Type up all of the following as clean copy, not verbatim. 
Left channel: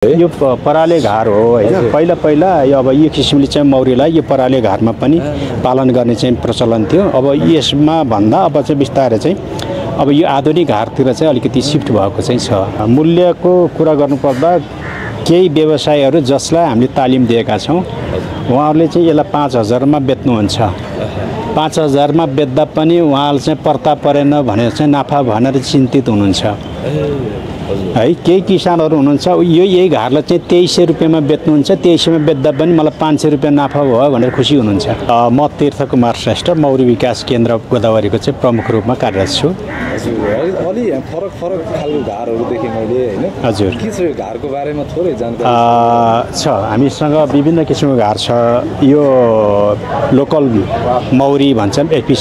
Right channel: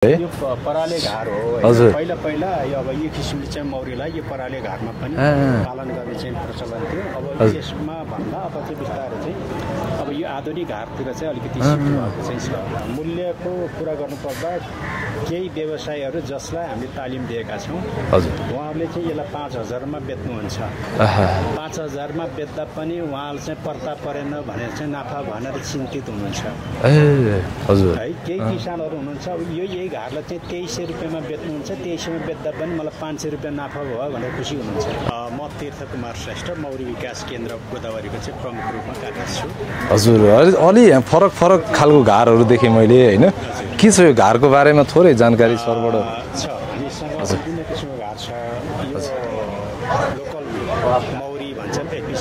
यो पराले घार हो हैन। पहिला पहिला अब यो किसिमले चाहिँ मौरीलाई यो पराले घारमा पनि पालन गर्ने चाहिँ प्रचलन थियो। अब यसमा भन्दा अब चाहिँ बिस्तारै चाहिँ अब यो आधुनिक घारतिर चाहिँ अलिकति शिफ्ट भएको चाहिँ छ। मूल्यको कुरा गर्नुपर्दा केही व्यवसायहरू जसलाई हामीले तालिम दिएका छौँ उहाँहरूले चाहिँ यसलाई 5,000 मा बेच्नुहुन्छ। 5,000 मा बेच्दा पनि उहाँहरूले चाहिँ पर्ता परेन भनेर चाहिँ नाफा भनेर चिन्तित हुनुहुन्छ है। केही किसानहरू हुनुहुन्छ यो यही घारलाई चाहिँ 2300 रुपियाँमा बेच्नुहुन्छ, 2300 मा बेच्दा पनि मलाई 500 रुपियाँ नाफा भयो भनेर खुसी हुनुहुन्छ। म तीर्थकुमार श्रेष्ठ मौरी विकास केन्द्र गोदावरीको चाहिँ प्रमुख रूपमा कार्यरत छु। हजुर, अलि फरक फरक खालको घारहरू देखेँ मैले हैन। हजुर, के छ यो घारको बारेमा थोरै जानकारी छ? हामीसँग विभिन्न किसिमको घार छ। यो लोकल मौरी भन्छन् एपिस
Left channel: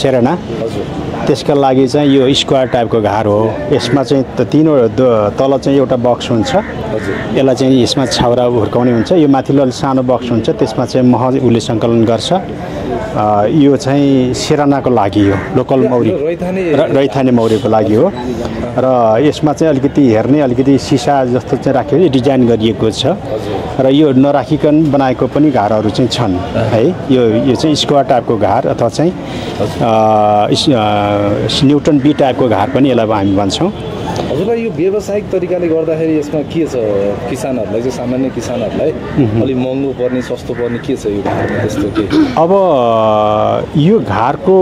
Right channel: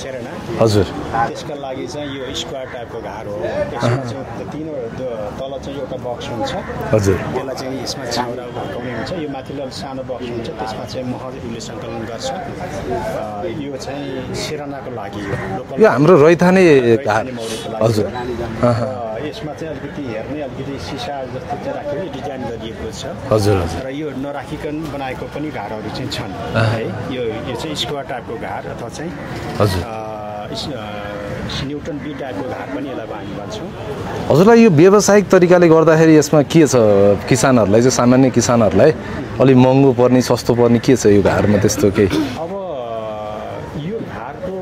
सेरेना। हजुर, त्यसका लागि चाहिँ यो स्क्वायर टाइपको घार हो। यसमा चाहिँ तल चाहिँ एउटा बक्स हुन्छ। हजुर, यसलाई चाहिँ यसमा छाउरा हुर्काउने हुन्छ। यो माथिल्लो सानो बक्स हुन्छ, त्यसमा चाहिँ मह उसले सङ्कलन गर्छ। यो चाहिँ सेरानाको लागि हो, लोकल रैथाने मौरीको लागि हो। र यसमा चाहिँ अलिकति हेर्ने अलिकति सिसा जस्तो चाहिँ राखेर डिजाइन गरिएको छ। र यो नराखिकन बनाएको पनि घारहरू चाहिँ छन् है। यो चाहिँ स्क्वायर टाइपको घार अथवा चाहिँ न्युटन बी टाइपको घार पनि यसलाई हामी भन्छौँ। हजुरलाई यो व्यावसायिक तरिकाले गर्दाखेरि यसमा के छ? किसानहरूलाई चाहिँ सामान्य किसानहरूलाई अलि महँगो पर्ने सस्तो पर्ने के छ यो घारमा त्यस्तो केही? अब यो घारको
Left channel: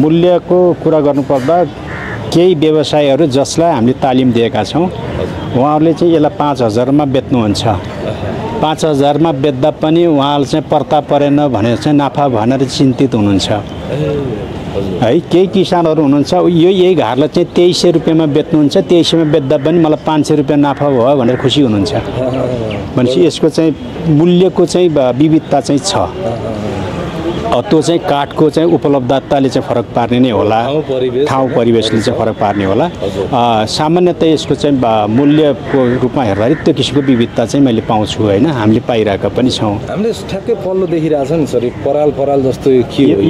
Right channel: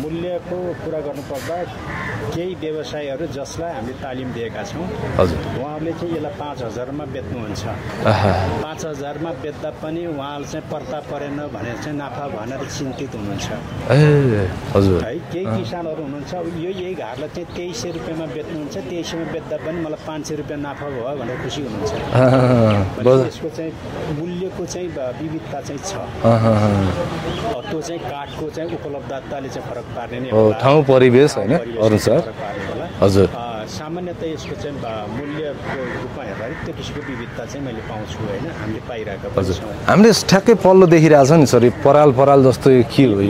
मूल्यको कुरा गर्नुपर्दा केही व्यवसायहरू जसलाई हामीले तालिम दिएका छौँ उहाँहरूले चाहिँ यसलाई 5,000 मा बेच्नुहुन्छ। 5,000 मा बेच्दा पनि उहाँहरूले चाहिँ पर्ता परेन भनेर चाहिँ नाफा भनेर चिन्तित हुनुहुन्छ है। केही किसानहरू हुनुहुन्छ यो यही घारलाई चाहिँ 2300 रुपियाँमा बेच्नुहुन्छ, 2300 मा बेच्दा पनि मलाई 500 रुपियाँ नाफा भयो भनेर खुसी हुनुहुन्छ। भनेपछि यसको चाहिँ मूल्यको चाहिँ विविधता चाहिँ छ। त्यो चाहिँ काठको चाहिँ उपलब्धताले चाहिँ फरक पार्ने नै होला, ठाउँ परिवेशले चाहिँ फरक पार्ने होला। सामान्यतः यसको चाहिँ मूल्यको रूपमा हेर्दाखेरि त्यो किसिमको विविधता चाहिँ मैले पाउँछु होइन, हामीले पाइरहेका पनि छौँ। हामीले ठ्याक्कै पल्लो देखिरहेछ नि सर, पराल जस्तो के हो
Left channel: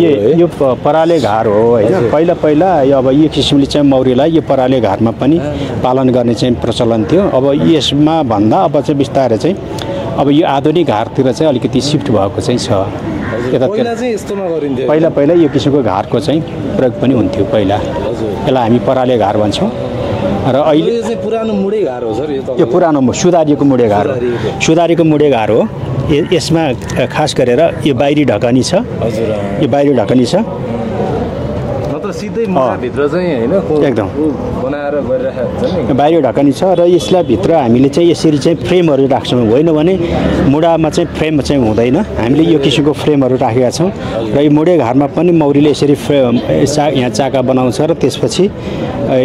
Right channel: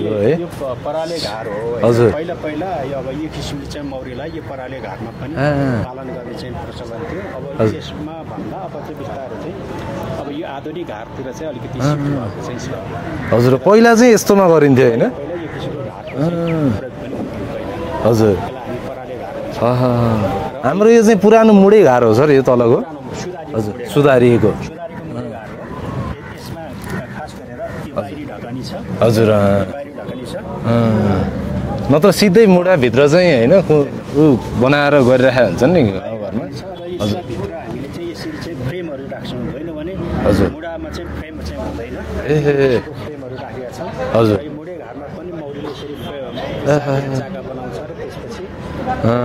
यो पराले घार हो होइन। पहिला पहिला अब यो किसिमले चाहिँ मौरीलाई यो पराले घारमा पनि पालन गर्ने चाहिँ प्रचलन थियो। अब यसमा भन्दा अब चाहिँ बिस्तारै चाहिँ अब यो आधुनिक घारतिर चाहिँ अलिकति शिफ्ट भएको चाहिँ छ। हजुर, पहिला चाहिँ यस्तोमा गरिन्थ्यो? पहिला यो किसिमको घारको चाहिँ प्रयोग पनि हुन्थ्यो पहिला। हजुर, यसलाई हामी पराले घार भन्छौँ। र अहिले यो चाहिँ पुरानो मुडे घार हो सर? यो तलको पुरानो सुधारिएको मुडे घार, सुधारिएको मुडे घार हो। यसमा खास गरेर यो बाहिरी ढकनी छ। हजुर, यो बाहिरी ढकनी छ। नत्र सिधै मुढाभित्र चाहिँ होइन एकदम बनाएर गरिरहेको हुन्छ नि। बाहिर ढकनी छ र यसलाई भित्र हामीले चाहिँ यसरी चाहिँ फ्रेमहरू राख्छौँ। होइन भने मुढामा चाहिँ फ्रेम चाहिँ हुँदैन। हामीले यो किसिमको फ्रेमहरू राखेका छौँ। र यो मुडे घारमा पनि मौरीले यसरी यहाँ चाका बनाउँछ। र त्यसपछि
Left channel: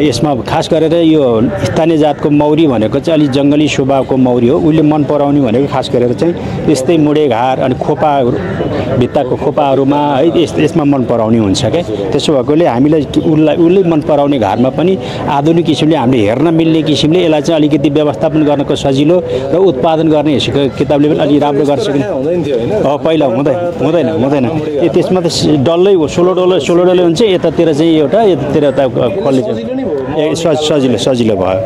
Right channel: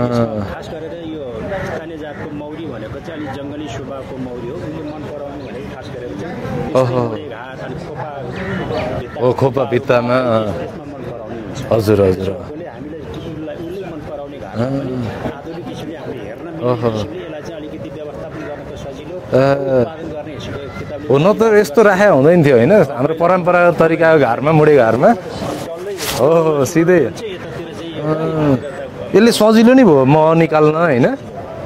यसमा खास गरेर यो स्थानीय जातको मौरी भनेको चाहिँ अलिक जङ्गली स्वभावको मौरी हो। उसले मन पराउने भनेको खास गरेर चाहिँ यस्तै मुडे घार अनि खोपा भित्ताको खोपाहरूमा है यसमा मन पराउने हुन्छ क्या। त्यसो भएकोले हामीलाई उसले मन पराउने घारमा पनि आधुनिक किसिमले हामीले हेर्न मिल्ने किसिमले यसलाई चाहिँ अलिकति व्यवस्थापन गर्नको सजिलो र उत्पादन गर्ने हिसाबको किताबले पनि अलि राम्रो गर्छ। पहिला त्यसमा त डल्लै 16 डल्लै हुन्छ। यतातिर चाहिँ एउटा, यतातिर सजिलो नै भयो, सजिलो भयो।